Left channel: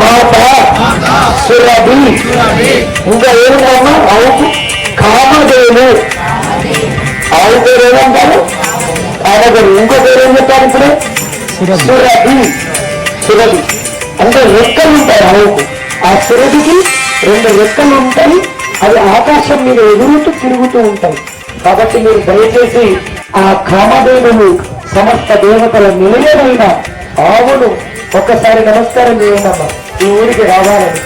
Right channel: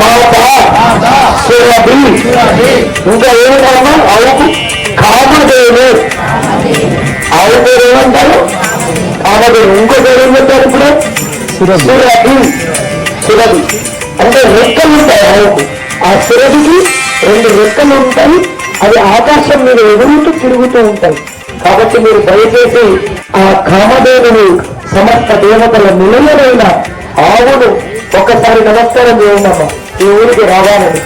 మాత సురభి. ఇంకా ఏమిటమ్మా ఆవుకు? కామధేను. ఆవు పేరు ఏమంటారు? కామధేను. ఇంకో పేరు ఏం చెప్తారు ఇప్పుడు? సురభి. సురభి అంటే రెక్కలు ఉంటాయి ఆవుకు. ఆ సురభికి 2 రెక్కలు ఉంటాయి. అవి ఆకాశం మీద ఎగురుతూ తిరుగుతూ ఉంటాయి. కాబట్టి మీరు దయచేసి ఆ కామధేనుని సమస్త దేవతల నిలయమైన ఆవును ఒక్కసారి నమస్కారం చేయండి అమ్మా. ఈ ఊరికి రావాలని.